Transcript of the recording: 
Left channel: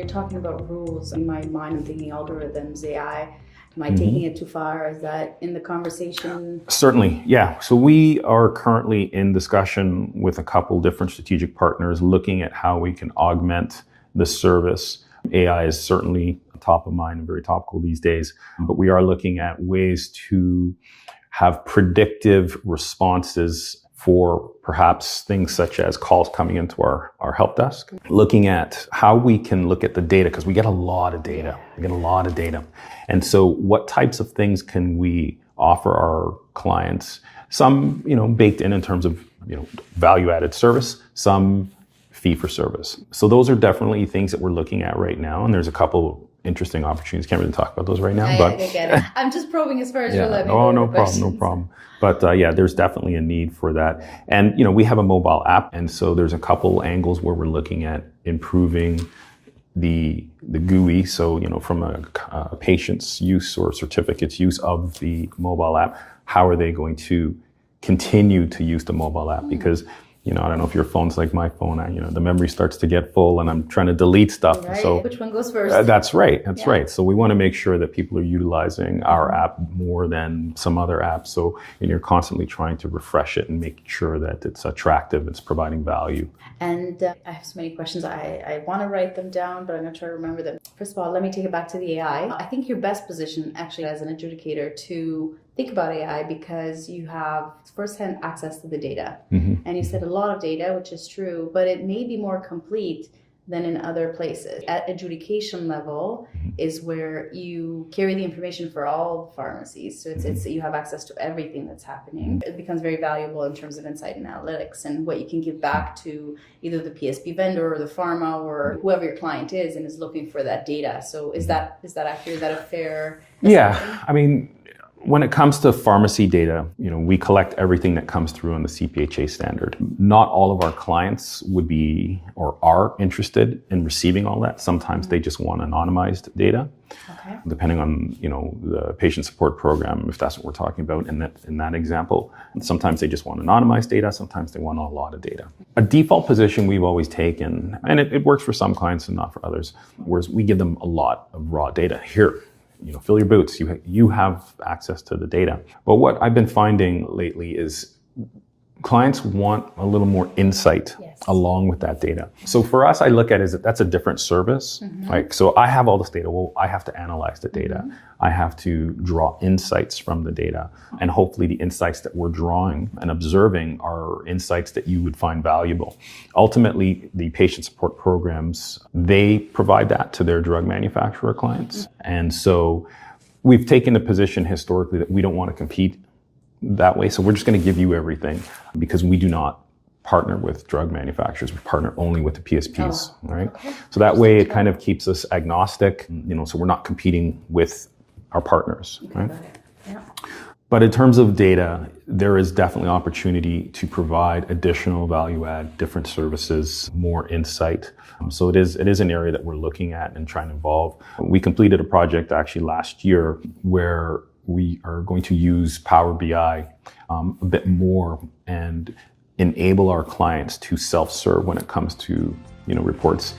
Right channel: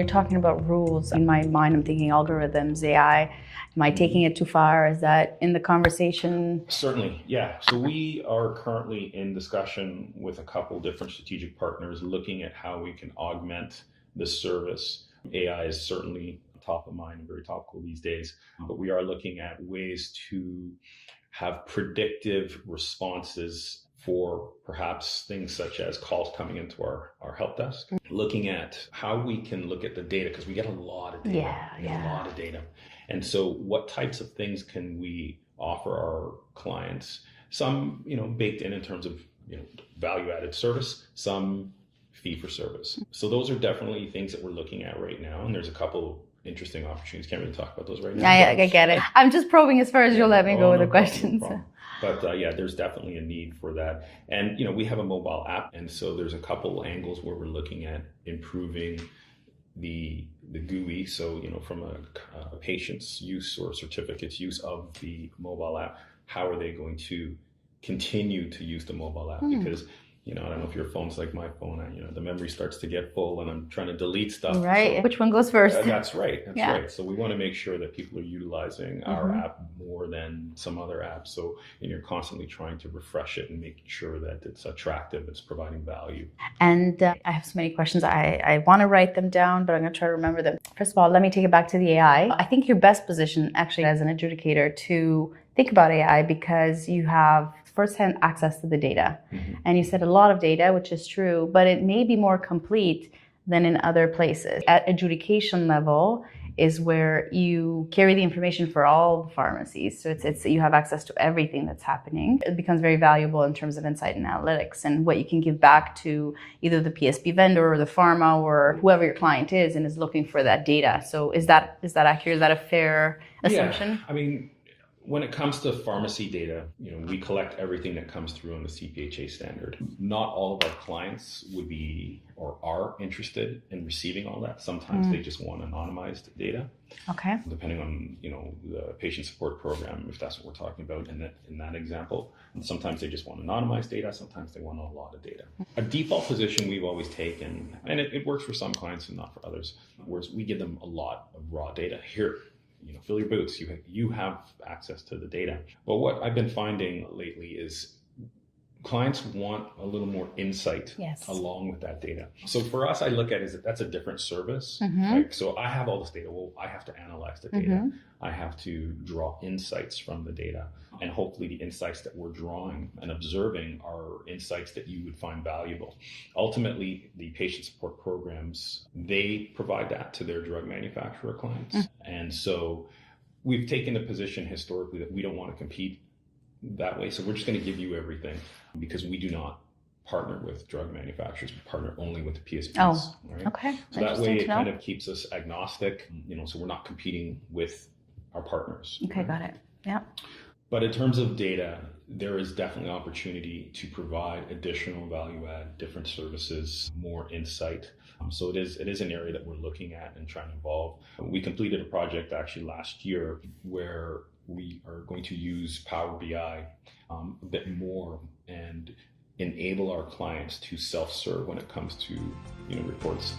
you're talking about rules, in my mind, I'm thinking algorithms, AI. Am I taking it too far? Is that in the conversation? Certainly, yeah. So we are currently in discussion with a couple different strategic partners looking at how we can augment the service. AI is certainly top of mind and very topical these days, but we are looking at ways to have predictive responses for perhaps things such as calls coming into our help desk, looking at how we can look at the data, because we get a lot of data. We get a lot of data. And so what types of things can we offer our clients? Some, baked in terms of, value-added service, some fee for service. So those are definitely things that we're looking at right now. And there's a couple interesting opportunities. Can't really talk about those right now. I get it. I'm just probing as far as you'll let me go with the questions. No problem. But there's definitely a need for that. And, we have a mobile app. And so there's a couple angles where we're looking at improving the GUI. So, from a patient's use or certificate's use of the mobile app, how are they going to continue to use the mobile app? Because I don't know if your phone's like my phone. The memory starts to get full and I'm trying to delete stuff. Right. So, which one goes first? That's right. That's right. So we want to make sure that people are utilizing our app more than some other apps. So you're constantly trying to refresh it and make sure that it's attractive, it's providing value. And I have so many questions. I want to write them down, but I'm going to try to remember them. First of all, let me take it back to the AI. I think you're best positioned actually as an adjudicator to think about AI because you have firsthand access to the data. And you said a lot of data, which is true, but it may be more complete than in other places. At adjudication level is where you carry the information for all pharmacies. So it's you have access to everything that's happening. It becomes very valuable in terms of insight and analytics and what you can give back to either the PSP vendor or the pharma or whoever your client is and is looking for that data. So is that accurate? Is that a fair assumption? Yeah, when it comes to pharmacy data, we collect everything that comes through on the CPHA standard. Not all of our clients would be or are interested in receiving all that. Sometimes they just want anonymized data. Okay. Depending on, the patient support program, if that's what we're talking about in that example. And sometimes they just want anonymized data. Sometimes they want a lot of data. A default position we've always taken, and it works for some clients and not for others, whereas we give them a lot of raw data. Here, fill your boots. You have access to the data. But what I've been finding lately is clients want a little more insight along with that data. So for us, I look at it as that's a different service. So I have all this data. Well, I have to analyze the data. I have to draw insights from the data. And hopefully the insights that we're drawing and observing are insights that you would find valuable. Ultimately, the patient support programs, they provide that to their drug manufacturer clients. And so we've taken the position historically that we don't want to compete that way. So we're just going to give you everything because we do not partner with drug manufacturers. We partner only with the PSPs, right? Okay. So that way it kind of keeps us agnostic, so we're not competing with our partners. Okay, got it. Yeah. But in terms of data, there is definitely opportunity to provide additional value add, different services, more insight. So it is an area that we're looking at and trying to evolve. We completed a project actually last year where we are going to use PowerBI a bit more and enable our clients to self-serve when it comes to reports.